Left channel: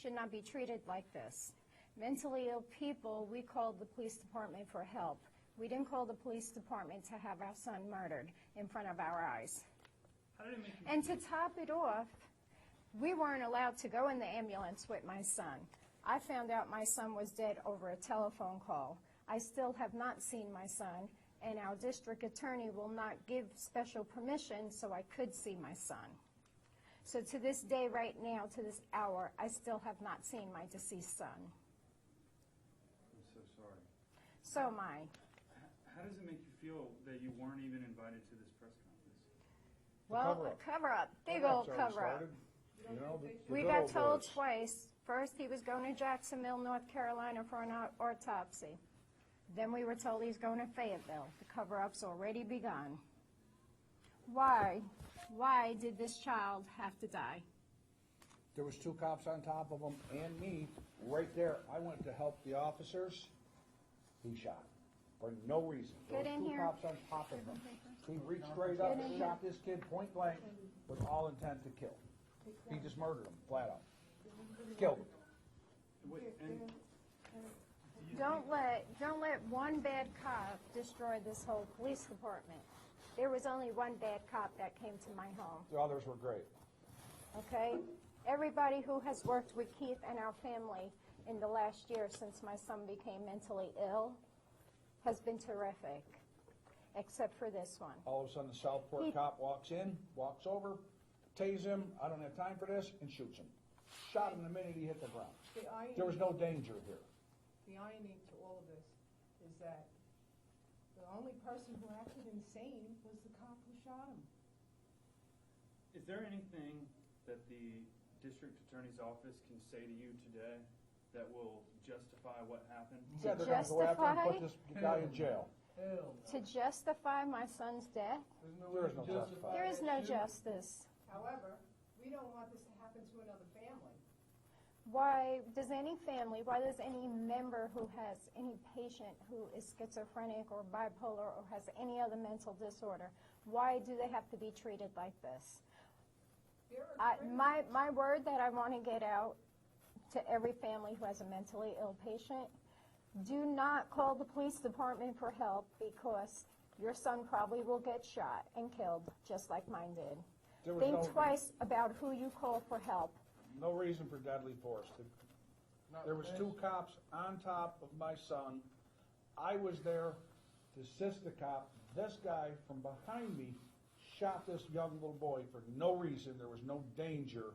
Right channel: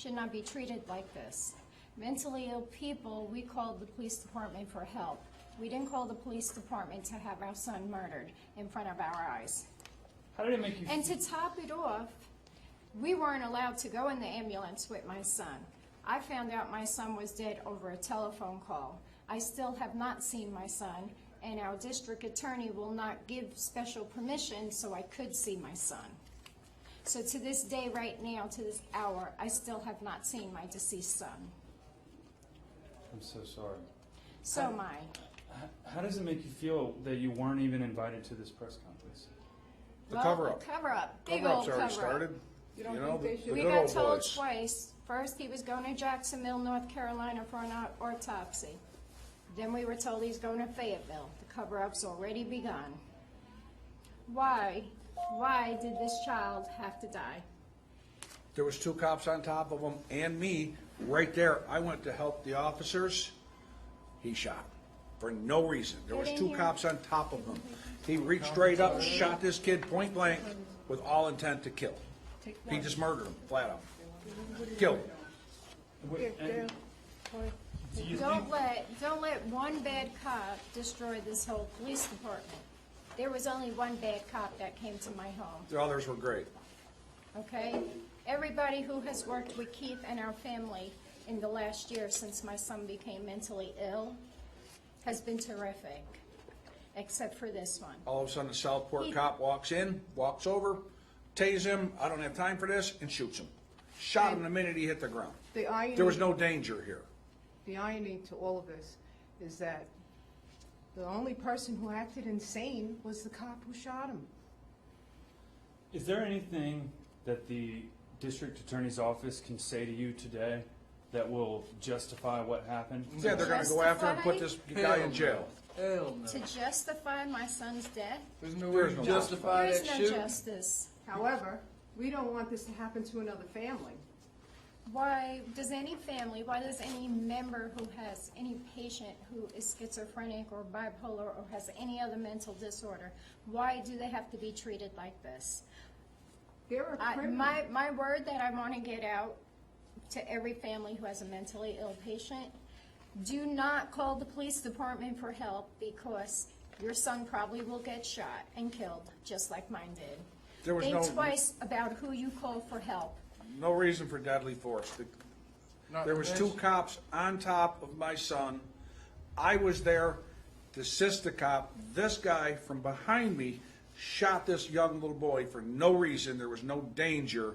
should not be treated like this. Mentally ill people, we called the police department for help. We didn't call the police department to have our son murdered in front of our eyes. How did it make you And feel? to top it off, we weren't allowed to go in the ambulance with my son. I found out my son was dead over a telephone call. I still have not seen my son, and our district attorney will not give special permission so I could see my son. So to this day, right now, to this hour, I still have not seen my deceased son. I'm so sorry. So am I. How does it make you feel that you weren't even invited to this press conference? The cover-up. The cover-up, big Cover-up's old already cover-up. started. You don't You know, think they should? the We good got old told boys. twice. First, he was going to Jacksonville, North Carolina for an autopsy. Then we were told he's going to Fayetteville. The cover-up's already begun. Why did this child have to die? There was 2 cops on top of him and me, right there. I went to help the officers. He shot for no reason. There was 2 cops on top of him. He reached straight up and shot this kid point blank with all intent to kill. He just murdered him, flat out. Killed him. What- and do you think, Don't let one bad cop destroy this whole police department. There was only one bad cop that came to my home, The others were great. okay? Everybody who has worked with Keith and our family in the last year since my son became mentally ill has been terrific, except for this one. All of a sudden, the Southport cop walks in, walks over, tase him, I don't have time for this, and shoots him. Shot him the minute he hit the ground. The irony, There was no danger here. the irony to all of this is that the only person who acted insane was the cop who shot him. is there anything that the district attorney's office can say to you today that will justify what happened? Yeah, they're gonna go after and put this guy in jail. Hell no. To justify my son's death, There's no way There's to no justify there is that no shooting. justice. However, we don't want this to happen to another family. Why does any family, why does any member who has any patient who is schizophrenic or bipolar or has any other mental disorder, why do they have to be treated like this? There are criminals. My word that I want to get out to every family who has a mentally ill patient, do not call the police department for help because your son probably will get shot and killed, just like mine did. There was Think twice about who you call for help. no reason for deadly force. Not There to was 2 mention- cops on top of my son. I was there to assist the cop. This guy from behind me shot this young little boy for no reason. There was no danger.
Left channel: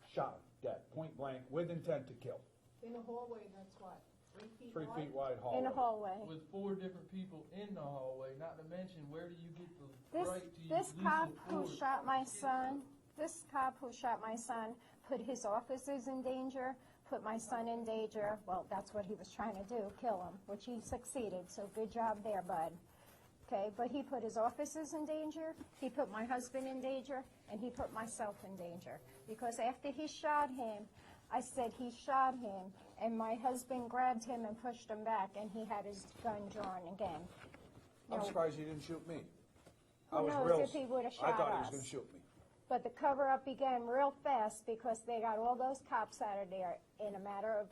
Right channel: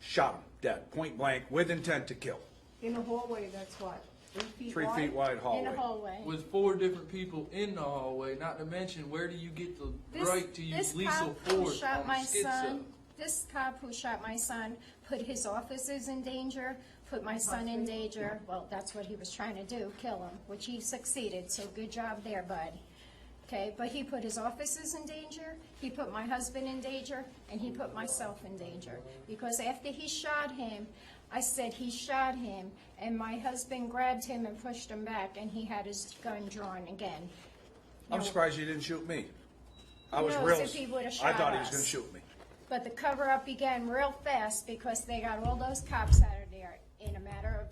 Shot him dead, point blank, with intent to kill. In a hallway that's what, 8 feet 3 wide? feet wide In a hallway. hallway. With 4 different people in the hallway, not to mention, where do you get the This- right to use this lethal cop who force shot on my a schizo? son, This cop who shot my son put his officers in danger, put my son in danger. Well, that's what he was trying to do, kill him, which he succeeded, so good job there, bud. Okay, but he put his officers in danger, he put my husband in danger, and he put myself in danger. Because after he shot him, I said he shot him, and my husband grabbed him and pushed him back, and he had his gun drawn again. I'm surprised you didn't shoot me. I was Who knows real. if he would've I shot thought he was us. gonna shoot me. But the cover-up began real fast because they got all those cops out of there in a matter of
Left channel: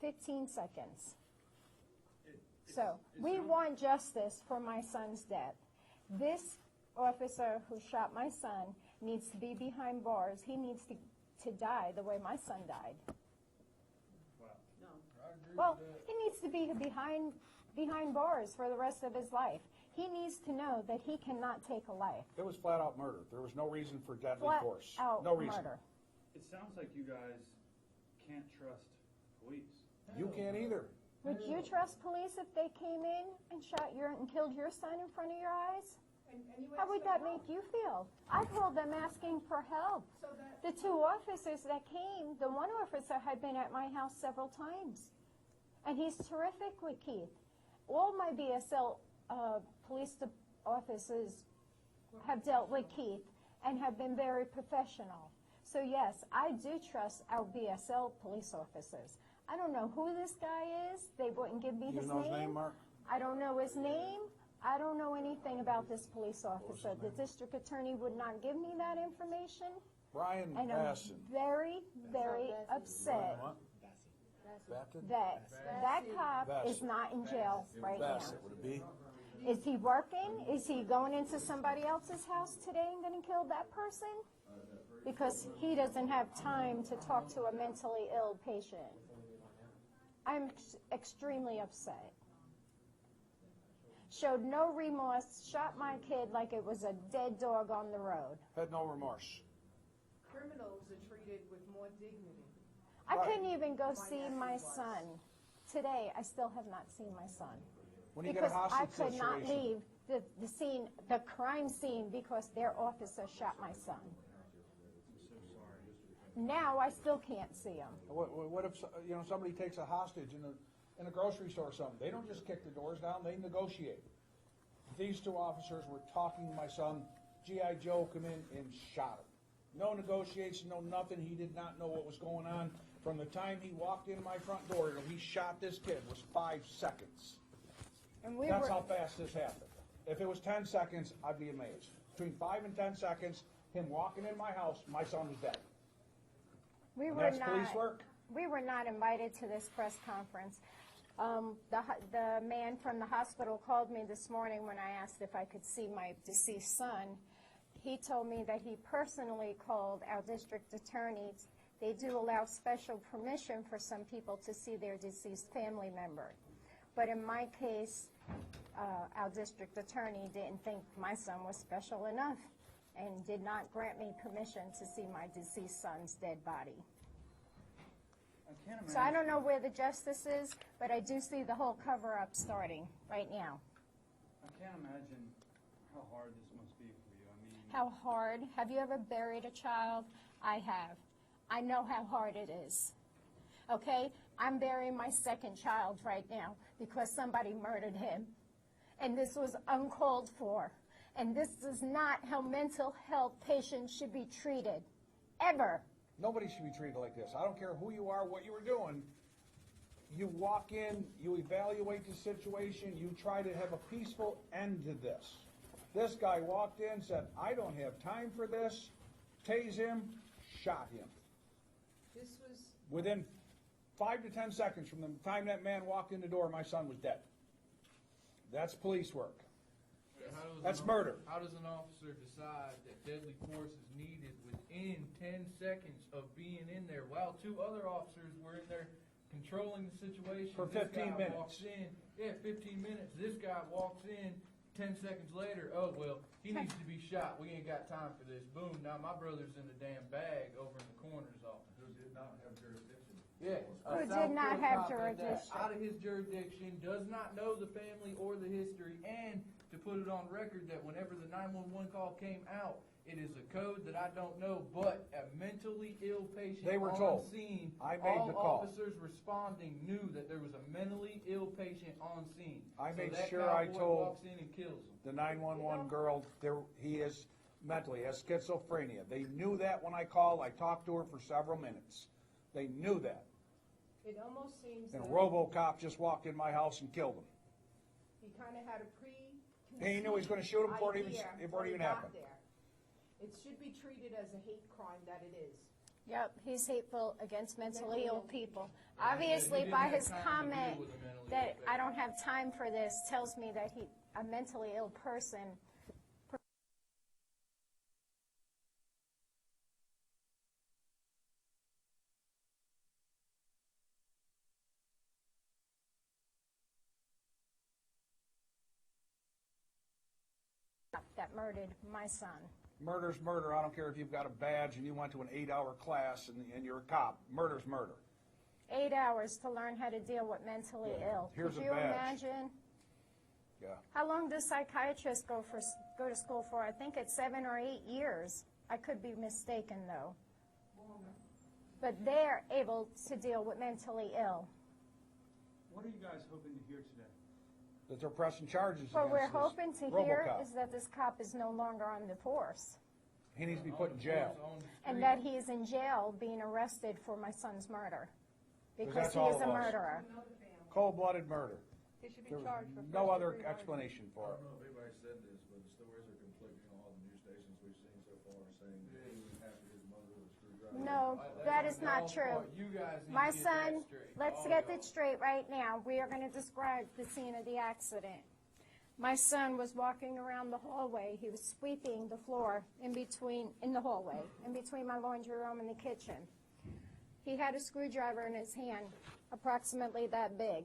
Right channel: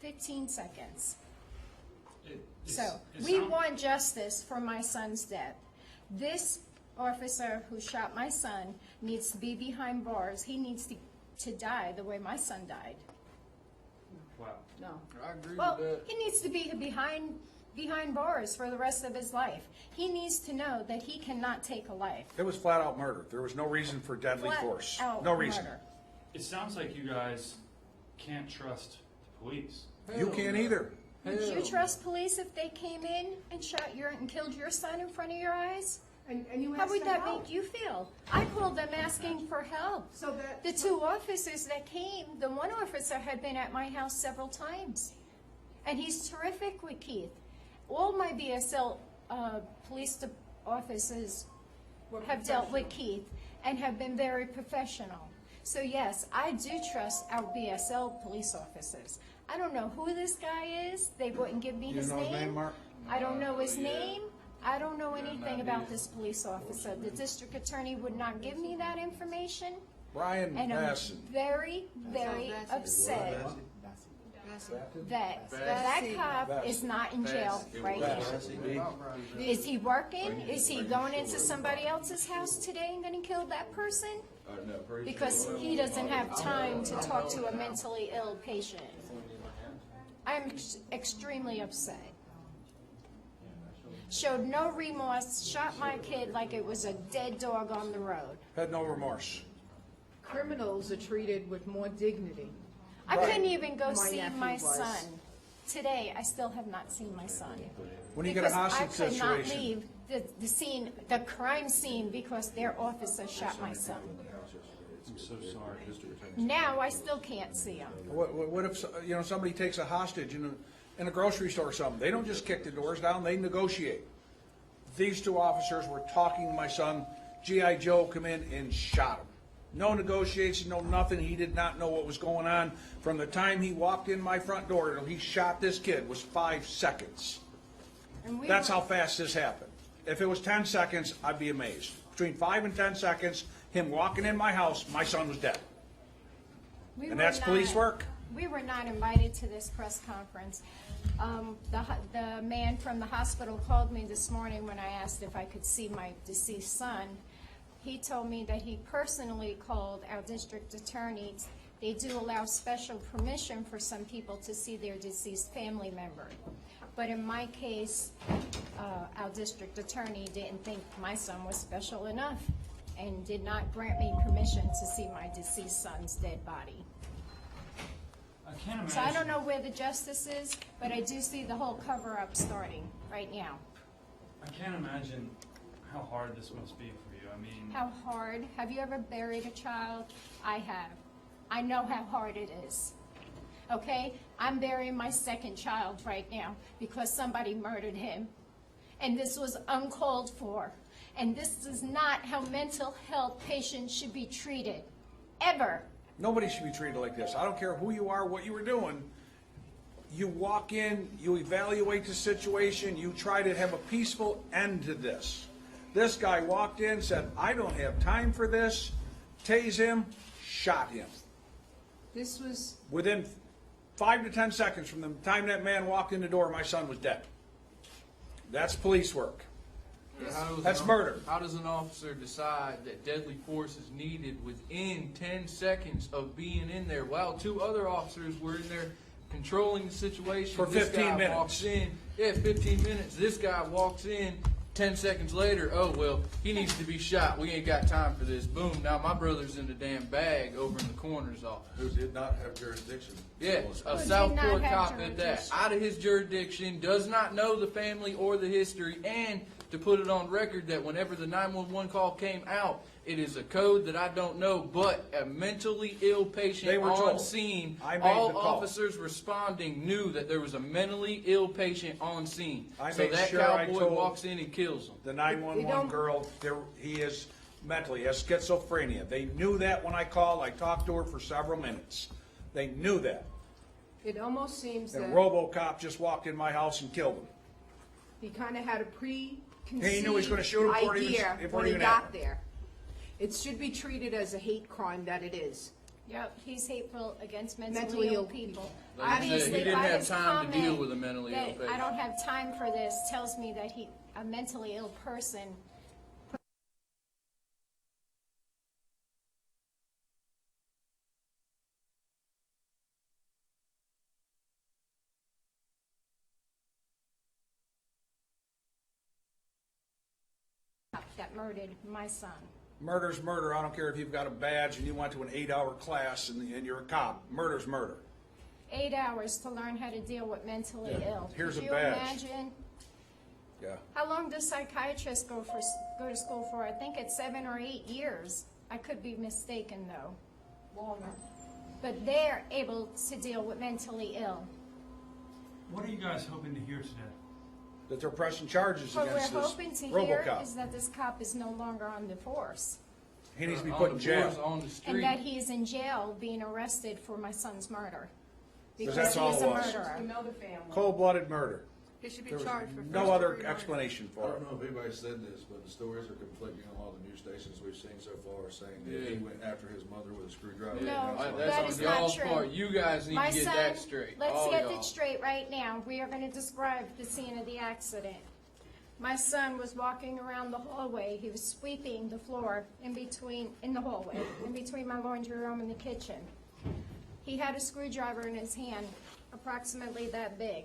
15 seconds. So, we want justice for my son's death. This officer who shot my son needs to be behind bars. He needs to die the way my son died. Wow. No. I agree Well, with that. he needs to be behind bars for the rest of his life. He needs to know that he cannot take a life. It was flat out murder. There was no reason for deadly Flat force. out No reason. murder. It sounds like you guys can't trust the police. You Hell can't no. either. Would you Hell trust police if they came in and shot your and killed your son in front of your eyes? And you How asked would for that help. make you feel? I called them asking for help. So that, The 2 officers that came, the one officer had been at my house several times. And he's terrific with Keith. All my BSL police officers have dealt with Keith and have been very professional. So yes, I do trust our BSL police officers. I don't know who this guy is. They wouldn't give me You his know his name, Mark? I don't know his name. I don't know anything about this police officer. The district attorney would not give me that information. Brian And I'm Basson. very, very That's upset that that cop is not in jail right now. Is he working? Is he going into somebody else's house today and then he killed that person? Because he doesn't have time to talk to a mentally ill patient. I'm extremely upset. Showed no remorse, shot my kid like it was a dead dog on the road. Had no remorse. Criminals are treated with more dignity. I couldn't even go My see nephew my was. son. Today, I still have not seen my son. When you get a hostage Because I could not situation, leave the scene, the crime scene, because their officer shot my son. I'm so sorry. Now, I still can't see him. what if, you know, somebody takes a hostage in a grocery store or something? They don't just kick the doors down, they negotiate. These two officers were talking to my son. G.I. Joe come in and shot him. No negotiation, no nothing. He did not know what was going on. From the time he walked in my front door till he shot this kid was 5 seconds. And we That's were- how fast this happened. If it was 10 seconds, I'd be amazed. Between 5 and 10 seconds, him walking in my house, my son was dead. we And were that's police work? We were not invited to this press conference. The man from the hospital called me this morning when I asked if I could see my deceased son. He told me that he personally called our district attorney. They do allow special permission for some people to see their deceased family member. But in my case, our district attorney didn't think my son was special enough and did not grant me permission to see my deceased son's dead body. I can't imagine. So I don't know where the justice is, but I do see the whole cover-up starting right now. I can't imagine how hard this must be for you. I mean, How hard? Have you ever buried a child? I have. I know how hard it is. Okay? I'm burying my second child right now because somebody murdered him. And this was uncalled for. And this is not how mental health patients should be treated. Ever. Nobody should be treated like this. I don't care who you are, what you were doing. You walk in, you evaluate the situation, you try to have a peaceful end to this. This guy walked in, said, I don't have time for this, tased him, shot him. This was, Within 5 to 10 seconds from the time that man walked in the door, my son was dead. That's police work. That's murder. How does an officer decide that deadly force is needed within 10 seconds of being in there while 2 other officers were in there controlling the situation? For 15 This guy minutes. walks in. Yeah, 15 minutes. This guy walks in. 10 seconds later, oh, well, he needs to be shot. We ain't got time for this. Boom. Now my brother's in the damn bag over in the coroner's office. Who did not have jurisdiction. Yeah, a Did Southport not have cop at that, jurisdiction. out of his jurisdiction, does not know the family or the history, and to put it on record that whenever the 911 call came out, it is a code that I don't know, but a mentally ill They patient were on told. scene. I made All the call. officers responding knew that there was a mentally ill patient on scene. I So made that sure I cowboy told walks in and kills him. The 911 girl, he is mentally, has schizophrenia. They knew that when I called. I talked to her for several minutes. They knew that. it almost seems that And RoboCop just walked in my house and killed him. he kind of had a preconceived He knew he was gonna shoot him before it even- idea before when it he even got happened. there. It should be treated as a hate crime that it is. Yep, he's hateful against mentally Mentally ill ill people. Like I said, Obviously, he didn't by have his time to deal comment with a mentally ill that patient. I don't have time for this tells me that a mentally ill person that murdered my son. Murder's murder. I don't care if you've got a badge and you went to an 8-hour class and you're a cop. Murder's murder. 8 hours to learn how to deal with mentally Yeah. ill. Here's Could a you badge. imagine? Yeah. How long does psychiatrists go to school for? I think it's 7 or 8 years. I could be mistaken though. Longer. But they're able to deal with mentally ill. what are you guys hoping to hear today? That they're pressing charges What we're against this hoping to hear RoboCop. is that this cop is no longer on the force. He needs to be On put the in jail. force, on the And street. that he's in jail being arrested for my son's murder. Because that's all he's it a was. murderer. Another family. Cold-blooded murder. He should be There was charged for no other explanation I for it. don't know if anybody said this, but the stories are conflicting on a lot of the news stations we've seen so far. saying that he went after his mother with a screwdriver. No, and that's why- that That's is on not y'all's true. part. You guys need My to get son, that straight. let's All get y'all. it straight right now. We are gonna describe the scene of the accident. My son was walking around the hallway. He was sweeping the floor in the hallway, in between my laundry room and the kitchen. He had a screwdriver in his hand, approximately that big,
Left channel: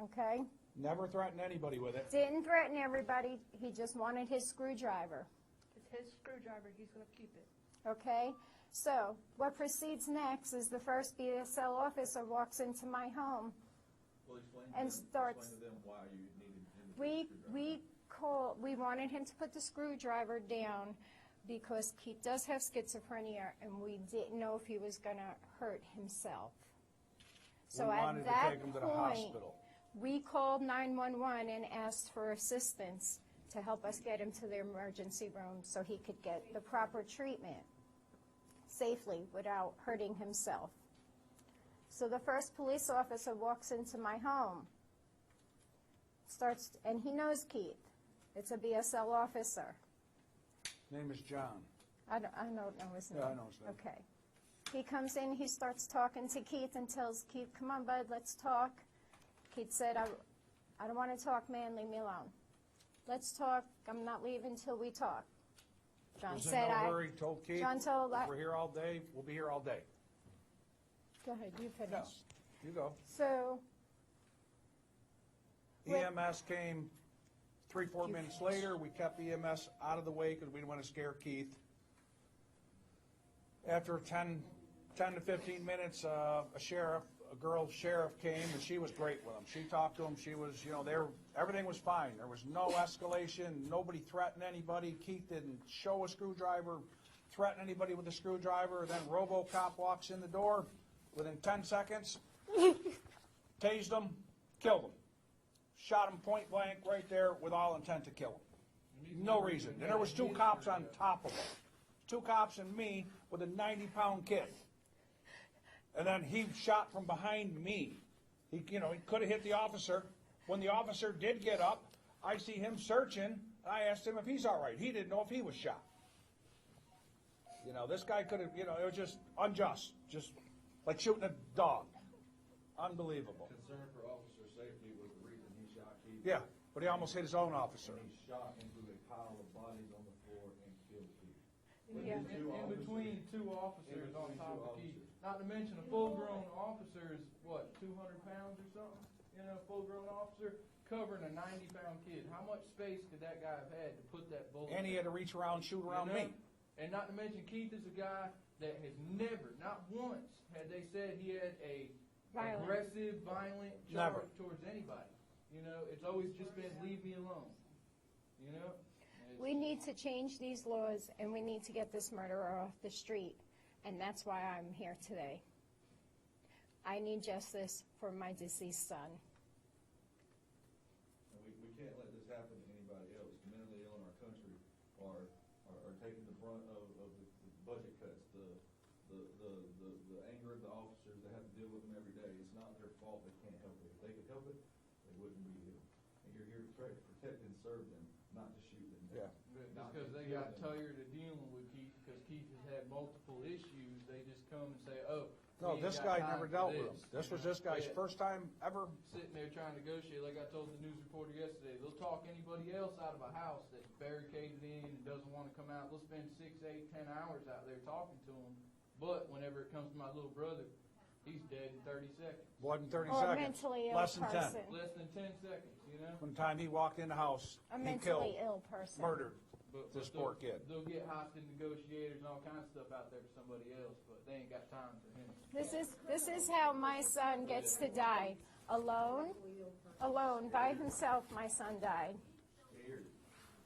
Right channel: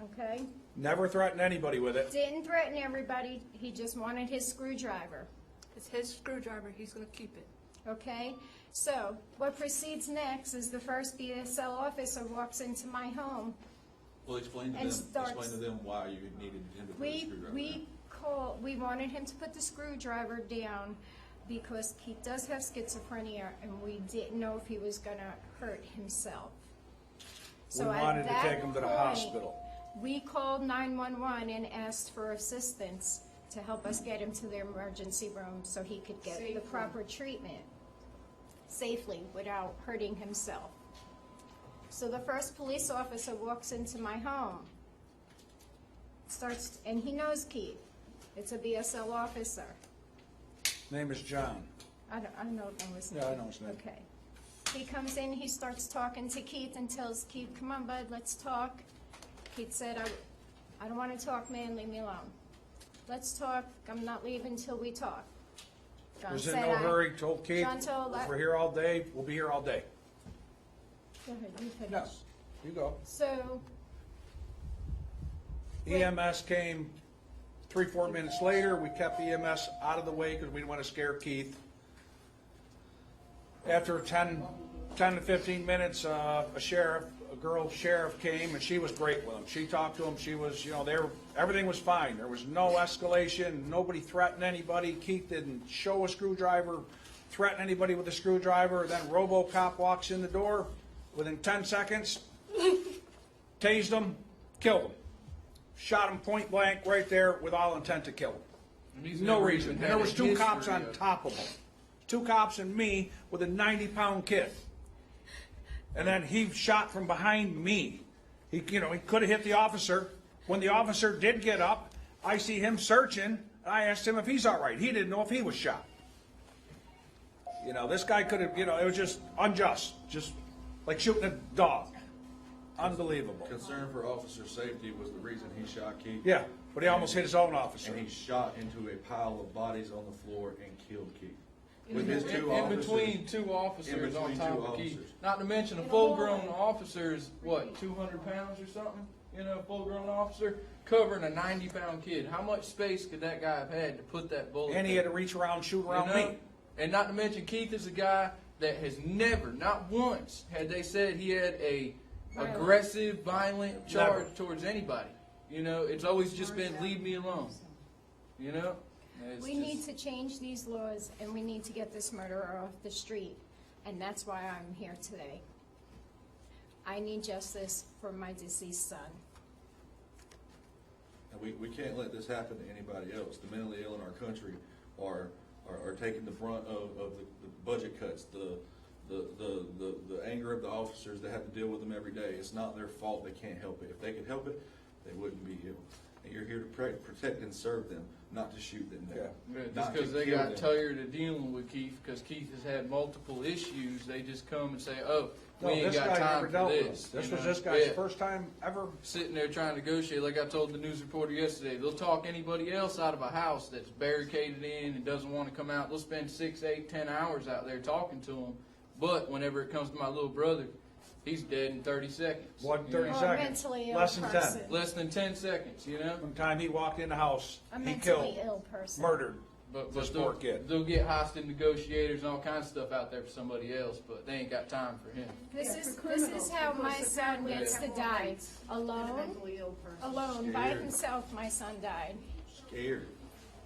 okay? Never threatened anybody with it. Didn't threaten everybody, he just wanted his screwdriver, It's his screwdriver, he's gonna keep it. okay? So, what proceeds next is the first BSL officer walks into my home. Well, explain to And them, starts- explain to them why you needed him to put a screwdriver. We wanted him to put the screwdriver down because Keith does have schizophrenia and we didn't know if he was gonna hurt himself. We So at wanted to that take him to the point, hospital. we called 911 and asked for assistance to help us get him to the emergency room so he could get the Safely. proper treatment safely without hurting himself. So the first police officer walks into my home, and he knows Keith. It's a BSL officer. Name is John. I know his name. Yeah, I know his name. Okay. He comes in, he starts talking to Keith and tells Keith, "Come on, bud, let's talk." Keith said, I don't wanna talk, man, leave me alone. Let's talk, I'm not leaving till we talk. John Was in said, no hurry, told Keith, John told if we're here all day, we'll be here all day. Go ahead, you finish. Yes, you go. So, EMS came 3-4 minutes later. We kept EMS out of the way because we didn't want to scare Keith. After 10 to 15 minutes, a girl sheriff came and she was great with him. She talked to him. She was, everything was fine. There was no escalation. Nobody threatened anybody. Keith didn't show a screwdriver, threaten anybody with a screwdriver. Then RoboCop walks in the door. Within 10 seconds, tased him, killed him. Shot him point blank right there with all intent to kill him. And he's No never reason. even And there had was a 2 cops history on of- top of him. 2 cops and me with a 90-pound kid. And then he shot from behind me. He could have hit the officer. When the officer did get up, I see him searching. I asked him if he's all right. He didn't know if he was shot. This guy could have, it was just unjust. Just like shooting a dog. Unbelievable. Concern for officer safety was the reason he shot Keith. Yeah, but he almost hit his own officer. And he shot into a pile of bodies on the floor and killed Keith. With his 2 In officers. between 2 officers In on between top 2 of Keith. officers. Not to mention a full-grown officer is, what, 200 pounds or something? A full-grown officer covering a 90-pound kid. How much space could that guy have had to put that bullet And he there? had to reach around, shoot around You know? me. And not to mention Keith is a guy that has never, not once, had they said he had a aggressive, violent charge towards anybody. It's always just been leave me alone. It's we just- need to change these laws and we need to get this murderer off the street. And that's why I'm here today. I need justice for my deceased son. And we can't let this happen to anybody else. The mentally ill in our country are taking the brunt of the budget cuts, the anger of the officers that have to deal with them every day. It's not their fault. They can't help it. If they could help it, they wouldn't be ill. And you're here to protect and serve them, not to shoot them down. Yeah, Not just to because they kill got them. tired of dealing with Keith, because Keith has had multiple issues, they just come and say, "Oh, we No, ain't this got guy time never for dealt with him. this." This you was know? this guy's Yeah. first time ever. Sitting there trying to negotiate, like I told the news reporter yesterday, they'll talk anybody else out of a house that's barricaded in and doesn't want to come out. They'll spend 6, 8, 10 hours out there talking to them. But whenever it comes to my little brother, he's dead in 30 seconds. What, 30 Or a seconds? mentally ill Less than 10. person. Less than 10 seconds, From the time he walked in the house, A he mentally killed, ill person. murdered. But This they'll, poor kid. they'll get hostage negotiators and all kinds of stuff out there for somebody else, but they ain't got time for him. This is how my son gets to die. Alone, Mentally ill person. alone, by himself, my son died. Scared.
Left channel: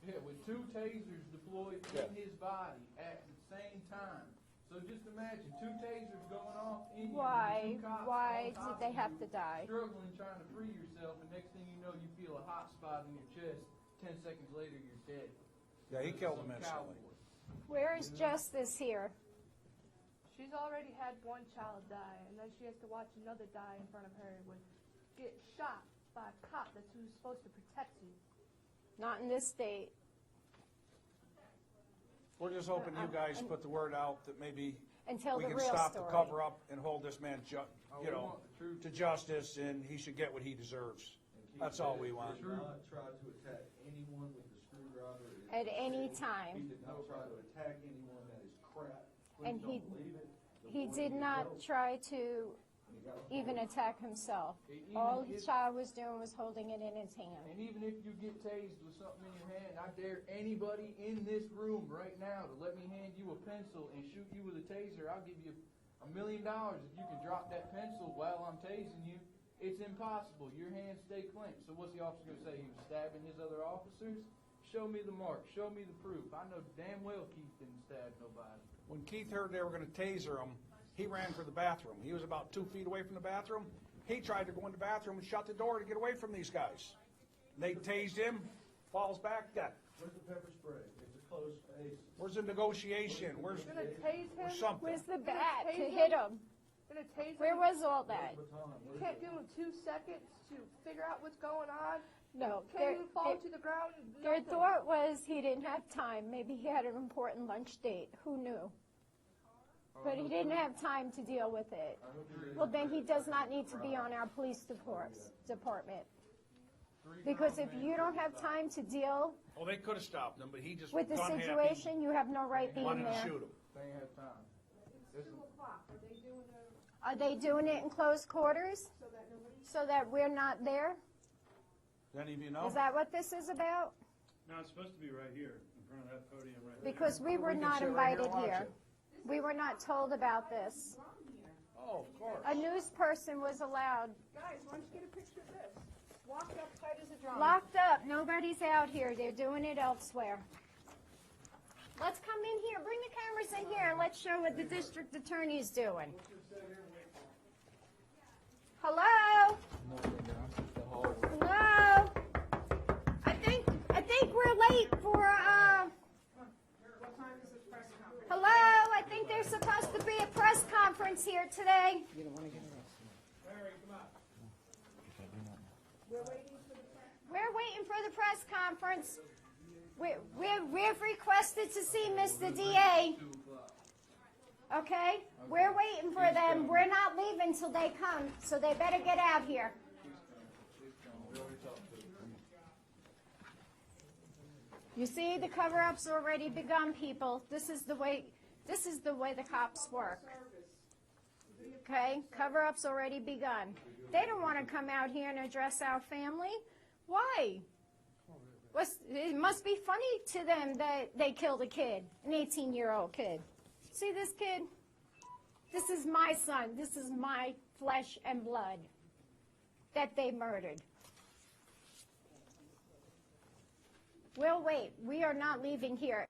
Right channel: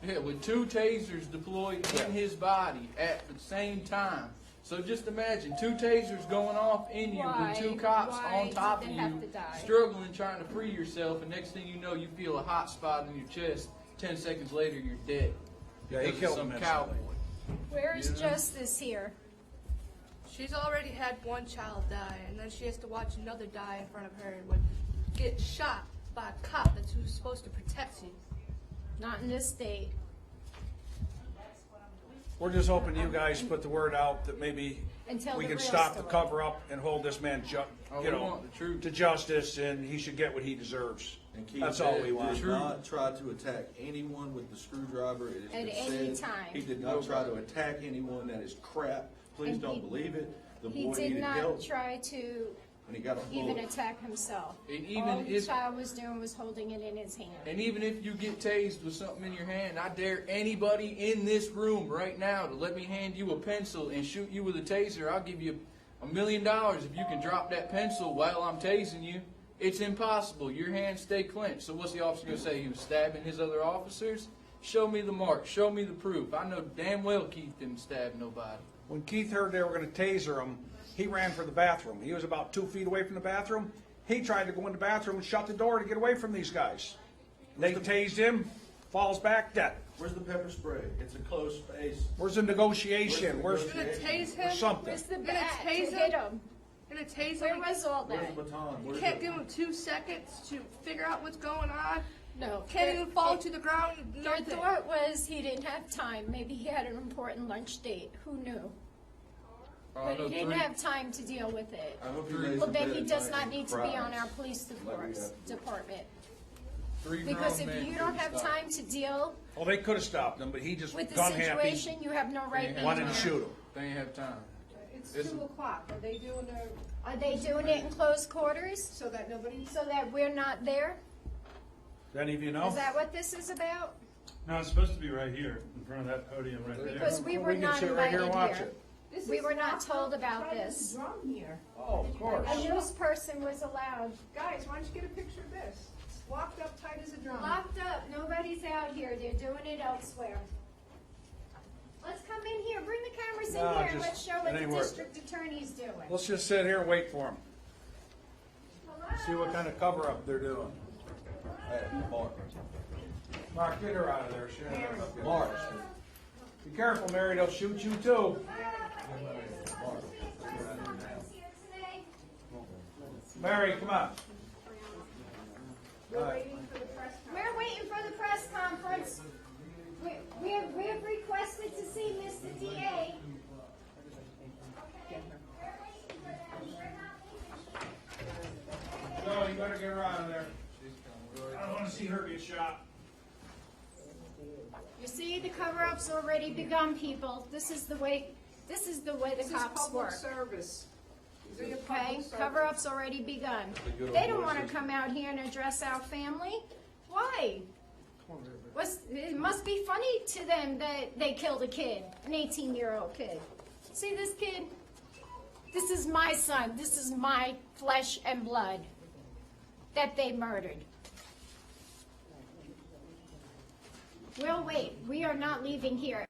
Yeah, with 2 tasers deployed in his body at the same time. So just imagine 2 tasers going off in you Why- with 2 cops why on top did of they have you, to die? struggling, trying to free yourself, and next thing you know, you feel a hot spot in your chest. 10 seconds later, you're dead. Yeah, he Because of killed some him cowboy. instantly. Where is You know? justice here? She's already had one child die, and then she has to watch another die in front of her and would get shot by a cop that's who's supposed to protect you. Not in this state. We're just hoping you guys put the word out that maybe And tell we the can real stop the story. cover-up and hold this man, Oh, you we know, want the truth. to justice, and he should get what he deserves. And Keith That's all we want. did not try to attack anyone with the screwdriver. It has At been any said. time. He did not try to attack anyone. That is crap. Please And don't he- believe it. The He boy did needed not help, try to and he got a even bullet. attack himself. And All even the if, child was doing was holding it in his hand. and even if you get tased with something in your hand, I dare anybody in this room right now to let me hand you a pencil and shoot you with a taser. I'll give you $1 million if you can drop that pencil while I'm tasing you. It's impossible. Your hands stay clenched. So what's the officer going to say? He was stabbing his other officers? Show me the mark. Show me the proof. I know damn well Keith didn't stab nobody. When Keith heard they were gonna taser him, he ran for the bathroom. He was about 2 feet away from the bathroom. He tried to go in the bathroom and shut the door to get away from these guys. They tased him, falls back dead. Where's the pepper spray? It's a closed space. Where's the negotiation? Where's You're gonna tase him? something? Where's the Gonna bat to tase hit him? him? Gonna tase Where him? was all Where's that? the baton? You Where's can't the- give him 2 seconds to figure out what's going on. No. Can't even fall to the ground. Their Nothing. thought was he didn't have time. Maybe he had an important lunch date. Who knew? Oh, I But know he didn't have time to deal with it. I hope he lays Well, in then bed he at does night not and need to be on cries. our police department. three Because grown if men you don't have couldn't stop. time to deal Well, they could have stopped him, but he just with the gun happy, situation, you have no right being wanted to there. shoot him. They ain't have time. It's It's- 2 o'clock. Are they doing their, Are they doing it in closed quarters so that nobody? so that we're not there? Does any of you know? Is that what this is about? No, it's supposed to be right here, in front of that podium right there. Because we Well, were can not sit right here and invited watch here. it. This We is were not told about right at the this. drum here. Oh, of course. A news person was allowed. Guys, why don't you get a picture of this? It's locked up tight as a drum. Locked up, nobody's out here, they're doing it elsewhere. Let's come in here, bring the cameras in No, here and just- let's show it what the ain't worth district attorney's doing. Let's just sit here and wait for him. See what Hello? kind of cover-up they're doing. Hello? I think we're late for, Be careful, Mary, they'll shoot you too. hello? I think there's supposed to be a press conference here today. Mary, come on. We're waiting for the press conference. We're waiting for the press conference. We've requested to see Mr. DA. Okay? We're waiting for them. We're not leaving till they come, so they better get out You here. better get her out of there. I don't wanna see her get shot. You see, the cover-up's already begun, people. This is the way the This is cops public work. service. These are your Okay? public service. Cover-up's already begun. They don't wanna come out here and address our family. Why? It must be funny to them that they killed a kid, an 18-year-old kid. See this kid? This is my son. This is my flesh and blood that they murdered. We'll wait. We are not leaving here.